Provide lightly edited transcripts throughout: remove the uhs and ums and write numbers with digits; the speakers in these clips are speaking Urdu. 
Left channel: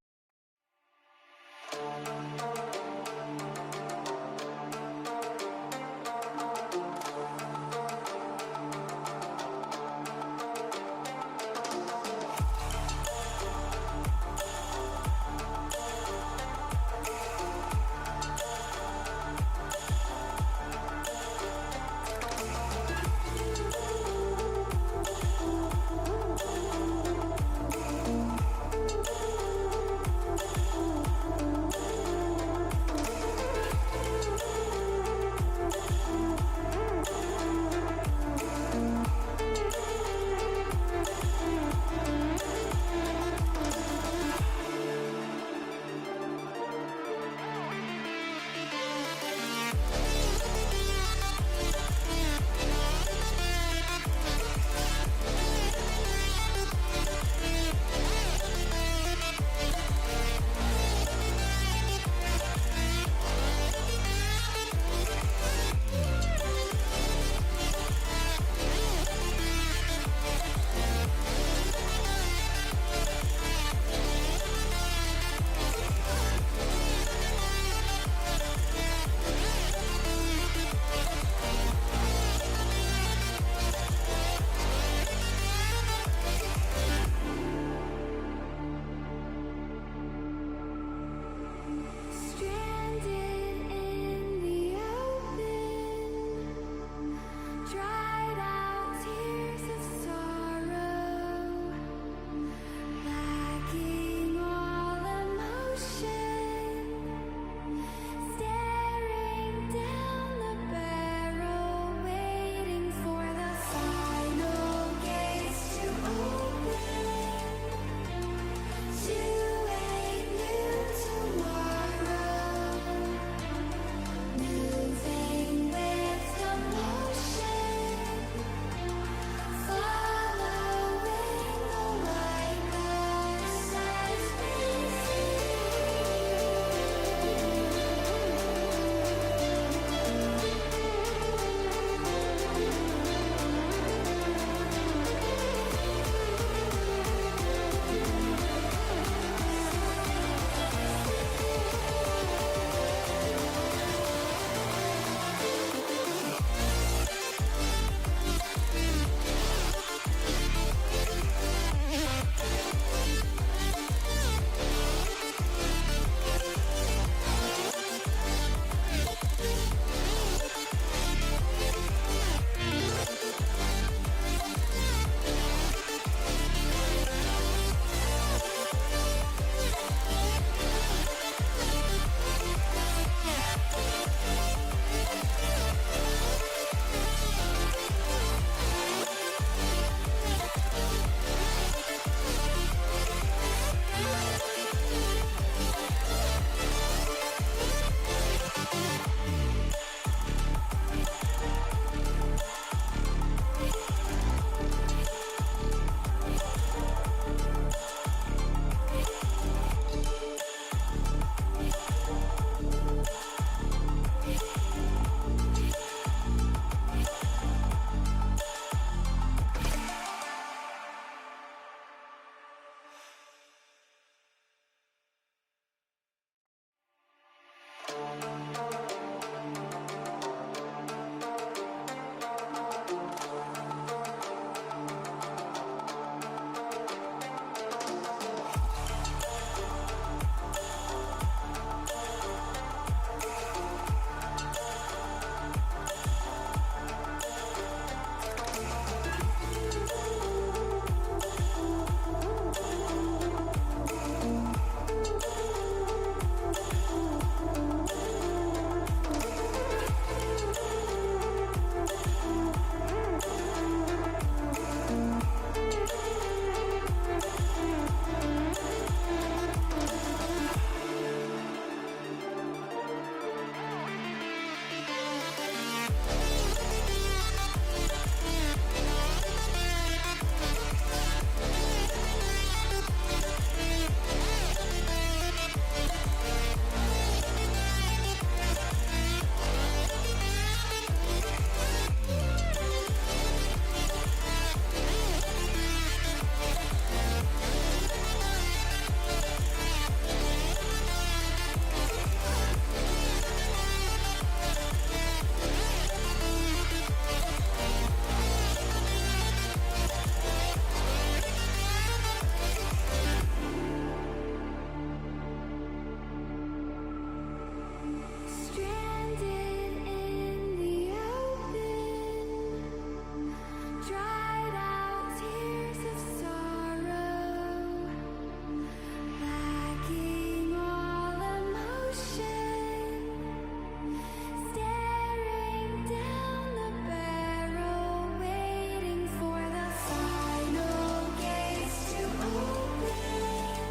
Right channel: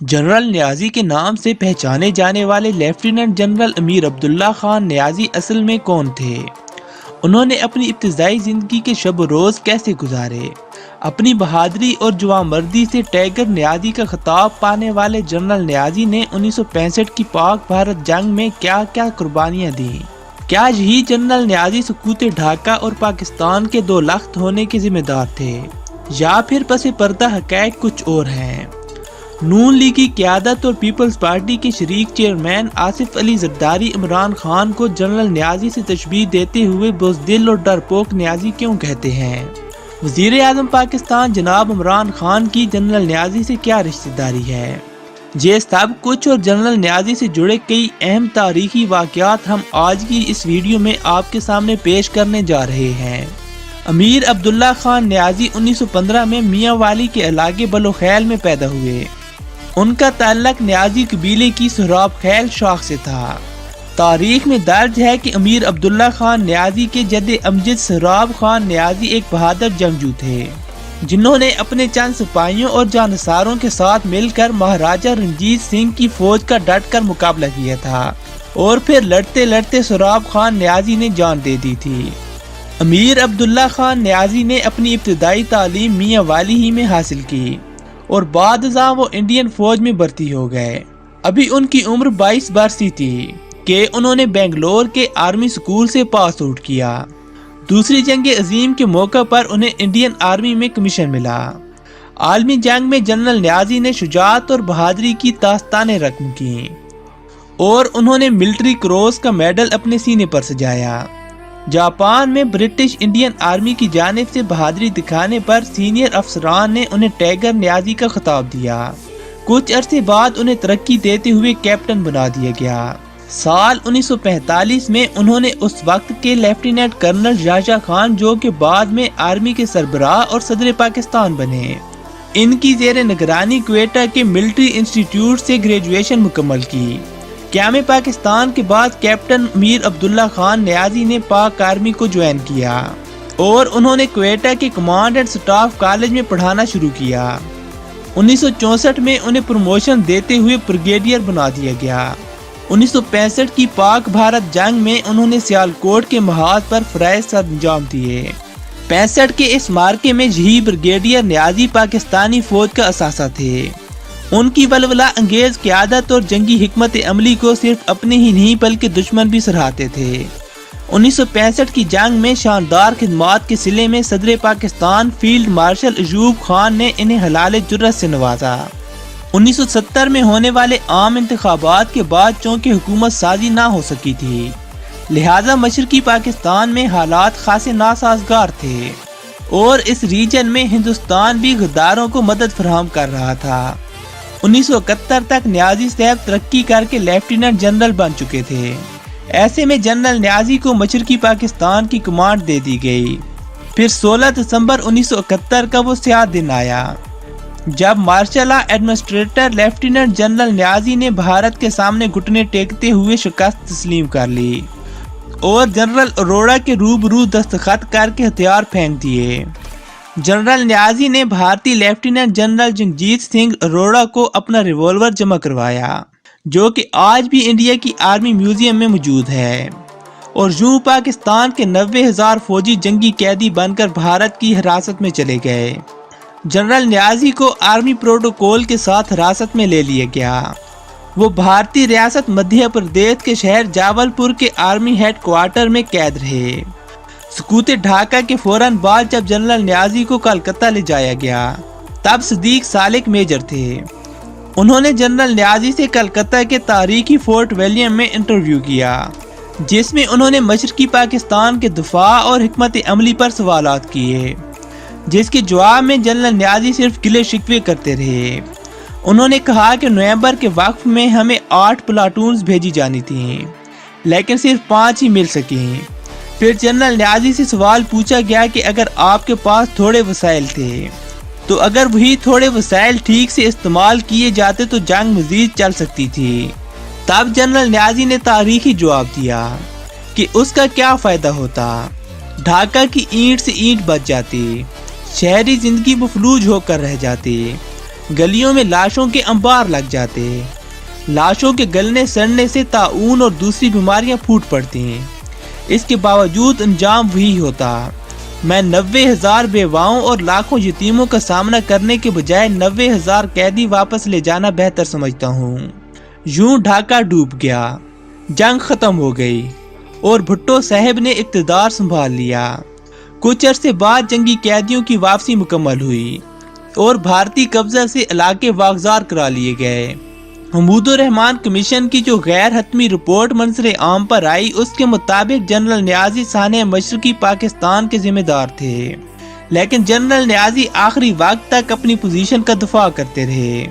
جنرل نیازی کے نام سے پہچانے جانے والے لیفٹیننٹ جنرل امیر عبداللہ خان نیازی اصل میں کون تھے؟ انہوں نے اپنی ابتدائی زندگی کے شب و روز کیسے گزارے؟ اپنی بہادری اور جوانمردی سے ٹائیگر نیازی کا خطاب پانے والے جنرل نیازی نے 1965 کی پاک بھارت جنگ میں کیا کیا قربانیاں دیں؟ کیا یہی جنرل نیازی سقوط ڈھاکہ اور پاکستان کے دو لخت ہونے کے ذمہ دار تھے، یا پھر پس پردہ حقائق کچھ اور ہیں؟ نون لیگ کی قیادت اور پیپلز پارٹی کے شریک چیئرمین آصف علی زرداری عمران خان کو جنرل نیازی سے تشبیہ دیتے ہوئے بزدل اور ڈرپوک نیازی کیوں کہتے ہیں؟ وزیر اعظم پاکستان جناب عمران خان کی جنرل نیازی سے کیا رشتہ داری ہے؟ یہ سب کچھ اور جنرل نیازی سے جڑے کئی اہم تاریخی واقعات ہم آج کی اس ویڈیو میں آپ کے سامنے پیش کرنے جا رہے ہیں۔ امیر عبداللہ خان نیازی 1915 میں میاں والی کے علاقے بلوخیل میں پیدا ہوئے۔ ان کا تعلق نیازی قبیلے کی سہراب خیل شاخ سے تھا۔ تاریخ میں درج ہے کہ امیر عبداللہ خان نیازی کے جد امجد سہراب خان نیازی ایک بہادر جنگجو تھے، جنہوں نے اپنے چند سپاہیوں اور جانثاروں کے ساتھ مل کر مہاراجہ رنجیت سنگھ کی فوج کا ڈٹ کر مقابلہ کیا تھا، اور پھر لڑتے لڑتے سہراب خان نیازی نے جان دے دی تھی۔ امیر عبداللہ خان نیازی نے اپنی ابتدائی تعلیم میاں والی ہی میں حاصل کی، اور بعد ازاں وہ انڈین فوج میں بھرتی ہو گئے۔ ابھی ان کی عمر 22 برس ہی تھی کہ انہوں نے بنگلور کے آرمی سکول سے پاس آؤٹ کیا۔ دوسری جنگ عظیم کے موقع پر انہیں انڈین آرمی میں کمیشن ملا۔ عالمی جنگ میں جنرل نیازی نے شجاعت اور بہادری کی داستانیں رقم کی، اور انہوں نے ملٹری کراس کا میڈل اپنے سینے پر سجایا۔ جاپان میں برٹش انڈین آرمی کی جانب سے بہادری دکھانے پر سینئر افسران نے انہیں ٹائیگر نیازی کا خطاب دیا۔ کچھ عرصے بعد انہیں ترقی دیتے ہوئے کیپٹن بنا دیا گیا۔ سال 1945 میں انہوں نے اس وقت کے لیفٹیننٹ کرنل یحییٰ خان، جو کہ بعد میں آرمی کے سربراہ اور صدر پاکستان بنے، ان کی زیر نگرانی کوئٹہ کے ملٹری انسٹیٹیوٹ سے گریجویشن مکمل کی۔ قیام پاکستان کے بعد کیپٹن امیر عبداللہ خان نیازی نے پاک آرمی کو جوائن کیا، اور انہوں نے کوئٹہ کے کمانڈ اینڈ سٹاف کالج میں پڑھانا شروع کیا۔ 1964 میں انہیں پروموشن دیتے ہوئے بریگیڈیئر بنا دیا گیا۔ 1965 کی پاک بھارت جنگ میں انہوں نے سیالکوٹ کے محاذ پر فرائض سر انجام دیے۔ 65 کے اس مارکے میں یہی بریگیڈیئر نیازی پاکستانی فوج کا اثاثہ تھے۔ ان کی ولولہ انگیز قیادت اور جنگی حکمت عملی کو صرف اپنے ہی نہیں بلکہ دشمن بھی سراہتے تھے۔ 1965 کی جنگ میں شاندار خدمات کے صلے میں صدر پاکستان فیلڈ مارشل ایوب خان نے انہیں حلال جرت سے نوازا۔ 1970 میں ہونے والے عام انتخابات کے بعد چونکہ حکومت سازی نہ ہو سکی تھی، لہذا مشرقی پاکستان میں حالات خاصے ناسازگار تھے، اور اس ریجن میں ہندوستان بھی غداروں کو مدد فراہم کر رہا تھا۔ 1971 تک نیازی صاحب ترقی کر کے لیفٹیننٹ جنرل بن چکے تھے۔ ایسے میں جنرل نیازی کو مشرقی پاکستان کی کمانڈ دے دی گئی۔ پھر 16 دسمبر 1971 کا وہ سیاہ دن آیا جب martial law administrator lieutenant general Niazi نے بھارت کے سامنے گھٹنے ٹیکتے ہوئے شکست تسلیم کر لی، اور جنرل اروڑا کے روبرو دستخط کر کے ہتھیار پھینک دیے۔ جنرل نیازی نے بھارتی لیفٹیننٹ جنرل جگجیت سنگھ اروڑا کو اپنا ریوالور جمع کروایا، جو کہ آج بھی انڈیا کی آرمی میوزیم میں موجود ہے، اور یوں پاکستان کے 90,000 فوجی جنگی قیدی بن کر بھارت کی حراست میں چلے گئے۔ جنرل نیازی کو آرمی پروٹوکول کے ساتھ حراست میں لے لیا گیا۔ وہ بھارتی ریاست مدھیہ پردیش کے شہر جاول پور کے آرمی ہیڈ کوارٹر میں قید رہے۔ سقوط ڈھاکہ کے فوراً بعد جب جنرل نیازی کو کلکتہ لے جایا گیا، تب صدیق سالک میجر تھے۔ انہوں نے جنرل نیازی سے کلکتہ کے تاریخی فورٹ ولیم میں انٹرویو کیا، جس میں انہوں نے مشرقی پاکستان کے دفاع اور حکمت عملی پر سوالات کیے، جس کے جواب میں جنرل نیازی صرف گلے شکوے کرتے رہے۔ انہوں نے کہا کہ نومبر کے وقت میں ہمیں 8 پلاٹونز بھیجی جانی تھیں، لیکن صرف 5 ہی مل سکیں۔ پھر جنرل نیازی سے سوال پوچھا گیا کہ اگر آپ کے پاس تھوڑے وسائل تھے تو اگر وہی تھوڑے وسائل ٹھیک سے استعمال کیے جاتے تو جنگ مزید چل سکتی تھی۔ تب جنرل نیازی نے تاریخی جواب دیا کہ اس کا کیا فائدہ ہوتا، ڈھاکہ کی اینٹ سے اینٹ بچ جاتی، شہری زندگی مفلوج ہو کر رہ جاتی، گلیوں میں لاشوں کے انبار لگ جاتے، لاشوں کے گلنے سڑنے سے طاعون اور دوسری بیماریاں پھوٹ پڑتی ہیں۔ اس کے باوجود انجام وہی ہوتا۔ میں 90,000 بیواؤں اور لاکھوں یتیموں کا سامنا کرنے کے بجائے 90,000 قیدی واپس لے جانا بہتر سمجھتا ہوں۔ یوں ڈھاکہ ڈوب گیا، جنگ ختم ہو گئی اور بھٹو صاحب نے اقتدار سنبھال لیا۔ کچھ عرصے بعد جنگی قیدیوں کی واپسی مکمل ہوئی اور بھارتی قبضہ سے علاقے واگزار کرا لیے گئے۔ حمود الرحمن کمیشن کی جو غیر حتمی رپورٹ منظر عام پر آئی، اس کے مطابق جنرل نیازی سانحہ مشرقی پاکستان کے ذمہ دار تھے، لیکن جنرل نیازی آخری وقت تک اپنی پوزیشن کا دفاع کرتے رہے۔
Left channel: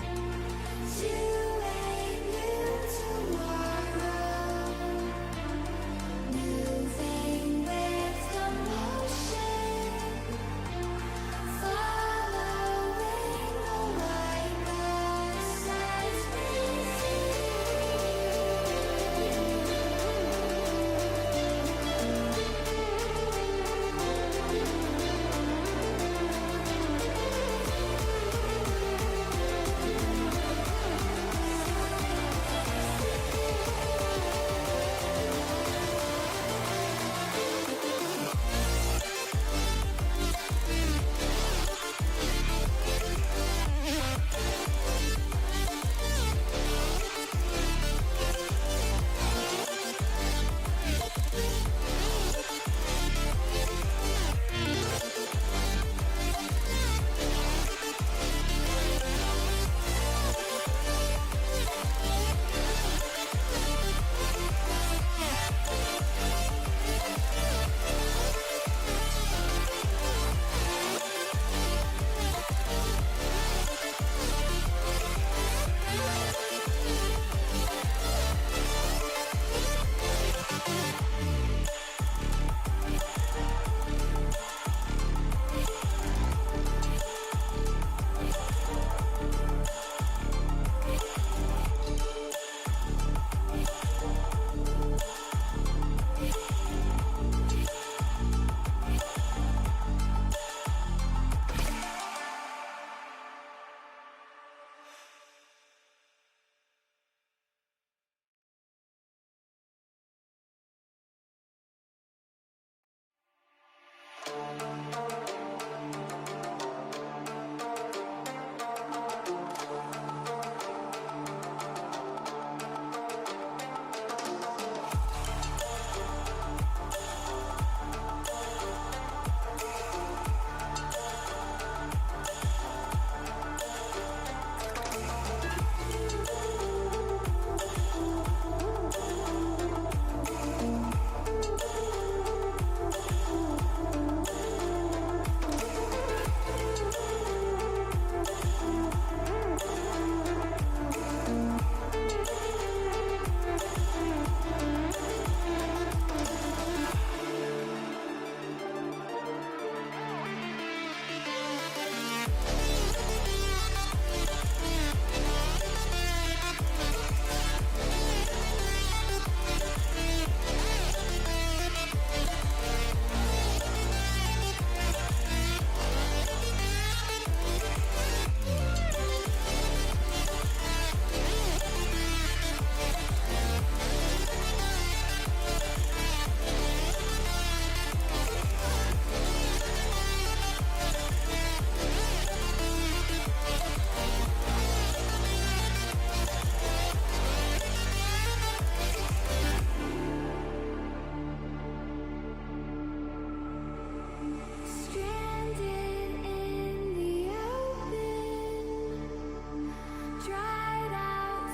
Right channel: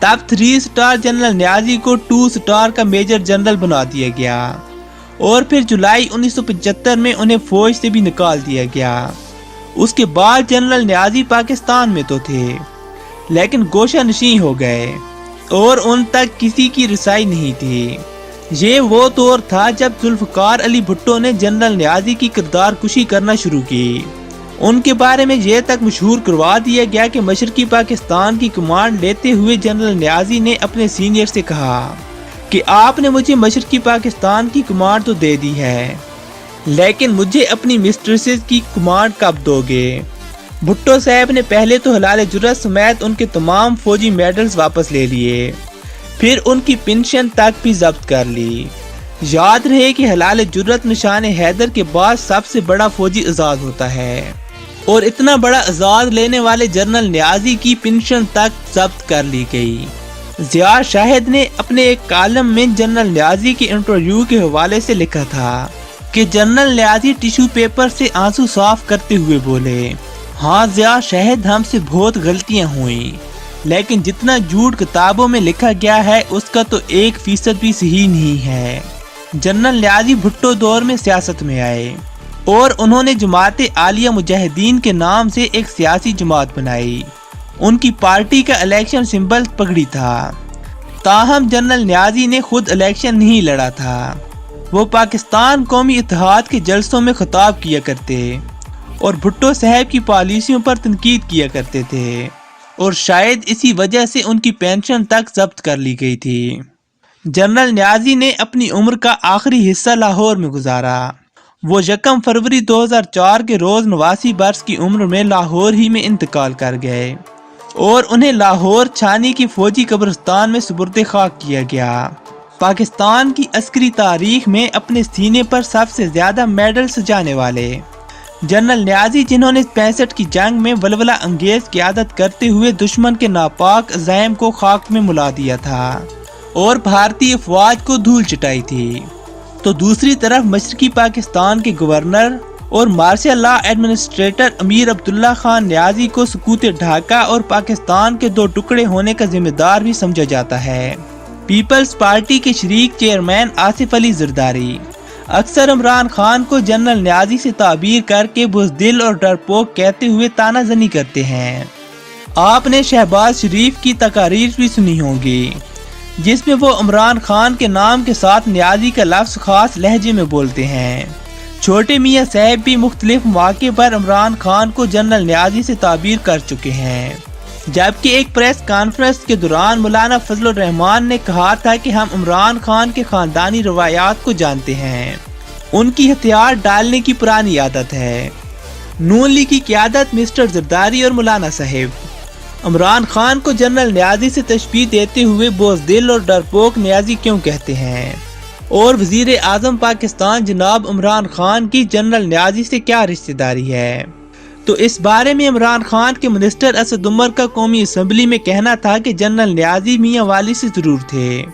تب 3 سٹار جنرل نیازی کو 2 سٹار کا میجر جنرل بنا دیا گیا اور پھر جولائی 1975 میں انہیں فوج سے بھی نکال دیا گیا۔ اس کے بعد جنرل نیازی پاکستان میں تو تھے، لیکن گوشہ نشین ہو گئے اور ان تک کسی کی رسائی نہیں تھی۔ یہ وہ دور تھا جب ذوالفقار علی بھٹو نے جنرل نیازی کی کردار کشی کرنا شروع کی۔ ان کے بارے میں یہ تک مشہور کروا دیا گیا کہ مشرقی پاکستان کی کمانڈ لیتے ہوئے جنرل نیازی نے اپنے سینئر سے کہا کہ آپ نے مجھے مشرقی پاکستان کی کمانڈ تو دے دی ہے، لیکن مجھے اپنی مسٹریسز کی کمانڈ کب دو گے؟ بھٹو صاحب نے پہلے تو ہلال جرأت سمیت ان کے تمام فوجی میڈلز واپس لے لیے، پھر ان کی پنشن تک بھی ضبط کر لی۔ یاد رہے کہ ہلال جرأت نشان حیدر کے بعد سب سے بڑا فوجی اعزاز ہوتا ہے، اور اتنا بڑا اعزاز لینے والے جنرل نیازی کی پنشن تک ضبط کر لی گئی۔ ضیاء شاہد نے اپنے ایک کالم میں جنرل نیازی کے انٹرویو کے حوالے سے لکھا تھا کہ جنرل نیازی ٹیشو پیپر سے آنسو صاف کرتے ہوئے بولے، ہاں ضیاء شاہد، ہم سے بہت غلطیاں ہوئیں، لیکن جتنا جھوٹ کتابوں میں لکھا گیا ہے اس کا تو 1% بھی صحیح نہیں ہے۔ جنرل نیازی بھٹو دور میں سیاست میں آئے اور انہوں نے جماعت عالیہ مجاہدین کے نام سے ایک سیاسی جماعت بنائی۔ ان کی پارٹی کا الیکشن سمبل پگڑی تھا، تاہم جنرل نیازی نے خود الیکشن نہیں لڑا تھا۔ وہ پاکستان قومی اتحاد کے جلسوں میں خطاب کیا کرتے اور بھٹو صاحب کی پالیسیوں پر تنقید کیا کرتے تھے، اور شاید اسی وجہ سے ان کی پینشن تک ضبط کر لی گئی تھی۔ جنرل نیازی نے اپنی عمر کا آخری حصہ لاہور میں گزارا۔ وہ 1 فروری 2004 کے روز 89 برس کی عمر میں لاہور ہی میں انتقال کر گئے اور انہیں لاہور چھانی کی فوجی قبرستان میں سپرد خاک کیا گیا۔ پاکستان کی عسکری تاریخ میں اپنے سینے پر سب سے زیادہ میڈل سجانے والے جنرل نیازی، جنہوں نے 65 کی جنگ میں ولولہ انگیز قیادت کرتے ہوئے دشمن کے ناپاک عزائم کو خاک میں ملا دیا تھا اور بھارتی افواج کو دھول چٹائی تھی، تو دوسری طرف مشرقی پاکستان کے گورنر اور مارشل لا ایڈمنسٹریٹر امیر عبداللہ خان نیازی کو سقوط ڈھاکہ اور پاکستان کے 2 ٹکڑے ہونے کا ذمہ دار بھی سمجھا جاتا ہے۔ پیپلز پارٹی کے شریک چیئرمین آصف علی زرداری اکثر عمران خان کو جنرل نیازی سے تعبیر کر کے بزدل اور ڈرپوک کہتے ہوئے طعنہ زنی کرتے ہیں۔ آپ نے شہباز شریف کی تقاریر بھی سنی ہوں گی، جس میں وہ عمران خان کے نام کے ساتھ نیازی کا لفظ خاص لہجے میں بولتے ہیں۔ چھوٹے میاں صاحب بھی مختلف مواقع پر عمران خان کو جنرل نیازی سے تعبیر کر چکے ہیں، جبکہ ایک پریس کانفرنس کے دوران مولانا فضل الرحمان نے کہا تھا کہ ہم عمران خان کے خاندانی روایات کو جانتے ہیں، ان کی ہتھیار ڈالنے کی پرانی عادت ہے۔ نون لیگ کی قیادت مسٹر زرداری اور مولانا صاحب عمران خان کو جنرل نیازی سے تشبیہ دیتے ہوئے بزدل اور ڈرپوک نیازی کیوں کہتے ہیں، اور وزیر اعظم پاکستان جناب عمران خان کی جنرل نیازی سے کیا رشتہ داری ہے؟ تو اس بارے میں عمران خان کے منسٹر اسد عمر کا قومی اسمبلی میں کہنا تھا کہ جنرل نیازی میاں والی سے ضرور تھے،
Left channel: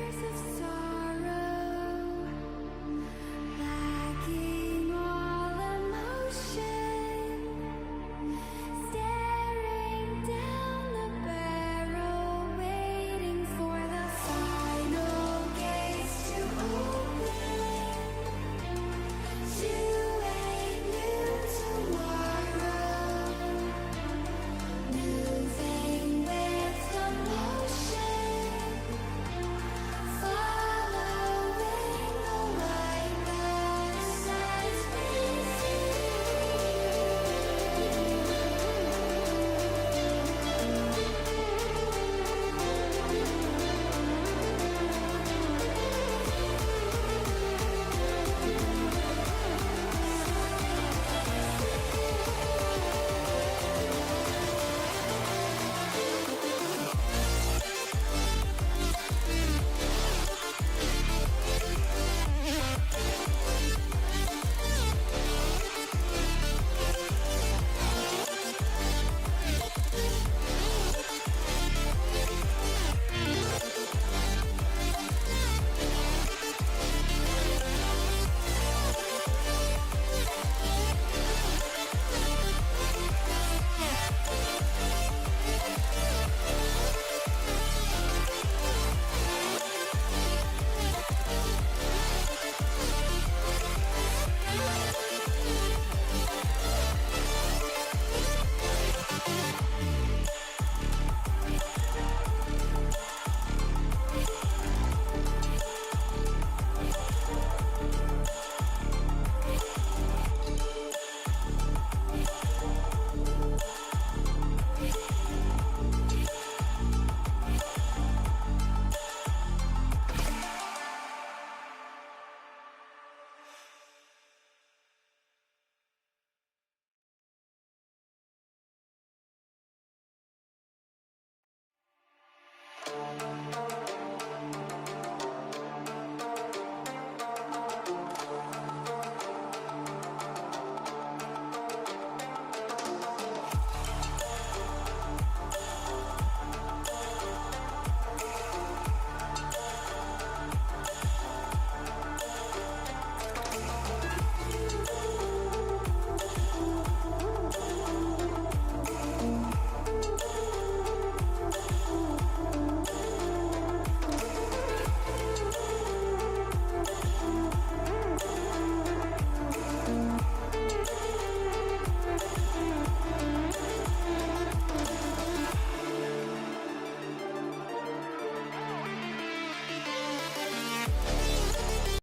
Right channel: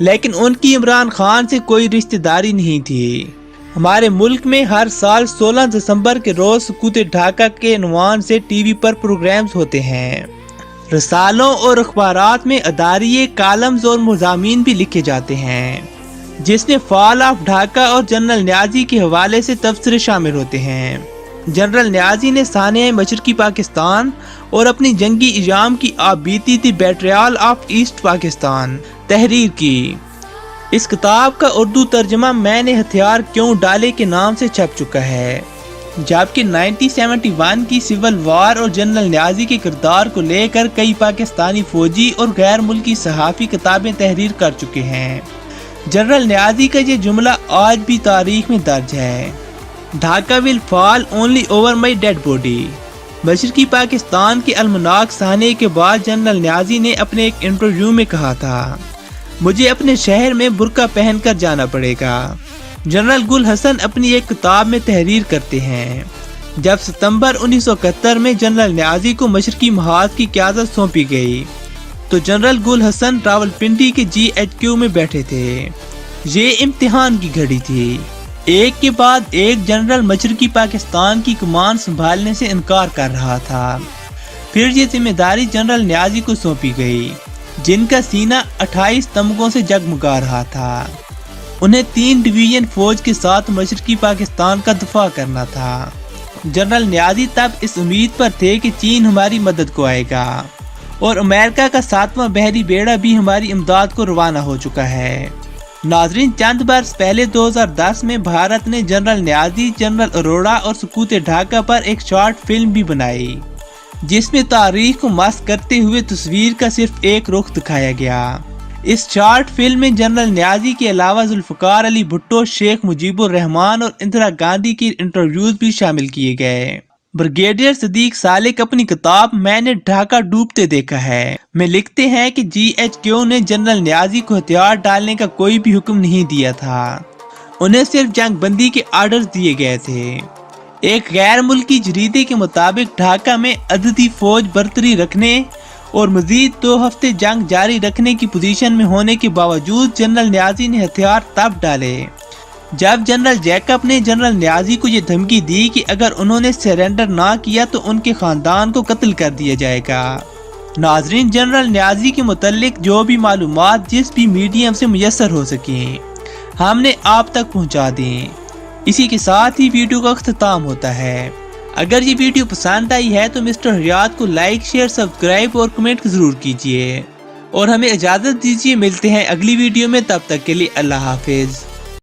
لیکن ان کی عمران خان سے کوئی رشتہ داری نہیں تھی۔ ہمارے ملک میں ہر سال 16 دسمبر کے روز سقوط ڈھاکہ کے عنوان سے ٹی وی پر پروگرامز ہوتے ہیں۔ رسالوں اور اخبارات میں اداریے، کالمز اور مضامین بھی لکھے جاتے ہیں، جس میں فال آف ڈھاکہ اور جنرل نیازی کے حوالے سے تبصرے شامل ہوتے ہیں۔ جنرل نیازی نے سانحہ مشرقی پاکستان اور اپنی جنگی ایام کی آپ بیتی دی بیٹریال آف ایسٹ پاکستان تحریر کی۔ اس کتاب کا اردو ترجمہ میں نے ہتھیار کیوں ڈالے کے نام سے چھپ چکا ہے۔ جبکہ 1971 کی سول وار اور جنرل نیازی کے کردار کو لے کر کئی پاکستانی فوجی اور غیر ملکی صحافی کتابیں تحریر کر چکے ہیں۔ جنرل نیازی کا یہ جملہ آج بھی تاریخ میں درج ہے، Dhaka will fall only over my dead body. مشرقی پاکستان کے المناک سانحے کے بعد جنرل نیازی نے اپنے ایک انٹرویو میں کہا تھا، مجھے اپنے شہر میں برقع پہن کر جانا پڑے گا۔ جنرل گل حسن اپنی ایک کتاب میں تحریر کرتے ہیں، جب ستمبر 1971 میں جنرل نیازی کو مشرقی محاذ کی قیادت سونپی گئی تو جنرل گل حسن راولپنڈی کے GHQ میں بیٹھے تھے۔ یہ امتحان کی گھڑی تھی، ایک کے بعد ایک جنرل مشرقی پاکستان کی کمان سنبھالنے سے انکار کر رہا تھا۔ پھر یہ ذمہ داری جنرل نیازی کو سونپی گئی، جن کا سینہ 28 تمغوں سے جگمگا رہا تھا۔ انہیں 3 ڈویژن فوج کے ساتھ مشرقی پاکستان کا دفاع کرنا تھا۔ جنرل نیازی تب اس امید پر تھے کہ چین ہماری مدد کو آئے گا اور امریکہ کا 7واں بحری بیڑا بھی ہماری امداد کو روانہ ہو چکا ہے۔ ناظرین، چند برس پہلے 2010 میں بھارت نے جنرل نیازی، جنرل اروڑا اور سقوط ڈھاکہ پر ایک شارٹ فلم بھی بنائی، جس میں تاریخ کو مسخ کرتے ہوئے تصویر کا صرف ایک رخ دکھایا گیا۔ اس شارٹ فلم میں جنرل نیازی کے علاوہ ذوالفقار علی بھٹو، شیخ مجیب الرحمان اور اندرا گاندھی کی انٹرویوز بھی شامل کیے گئے۔ بریگیڈیئر صدیق سالک اپنی کتاب میں نے ڈھاکہ ڈوبتے دیکھا ہے میں لکھتے ہیں کہ GHQ نے جنرل نیازی کو ہتھیار ڈالنے کا کوئی بھی حکم نہیں دیا تھا، انہیں صرف جنگ بندی کے آرڈرز دیے گئے تھے۔ ایک غیر ملکی جریدے کے مطابق ڈھاکہ میں عددی فوج برتری رکھنے اور مزید 2 ہفتے جنگ جاری رکھنے کی پوزیشن میں ہونے کے باوجود جنرل نیازی نے ہتھیار تب ڈالے جب جنرل جیکب نے جنرل نیازی کو یہ دھمکی دی کہ اگر انہوں نے سرنڈر نہ کیا تو ان کے خاندان کو قتل کر دیا جائے گا۔ ناظرین، جنرل نیازی کے متعلق جو بھی معلومات جس بھی میڈیم سے میسر ہو سکیں ہم نے آپ تک پہنچا دیں۔ اسی کے ساتھ ہی ویڈیو کا اختتام ہوتا ہے۔ اگر یہ ویڈیو پسند آئی ہے تو مسٹر حیات کو لائک، شیئر، سبسکرائب اور کمنٹ ضرور کیجیے اور ہمیں اجازت دیجیے، ملتے ہیں اگلی ویڈیو میں، تب تک کے لیے اللہ حافظ۔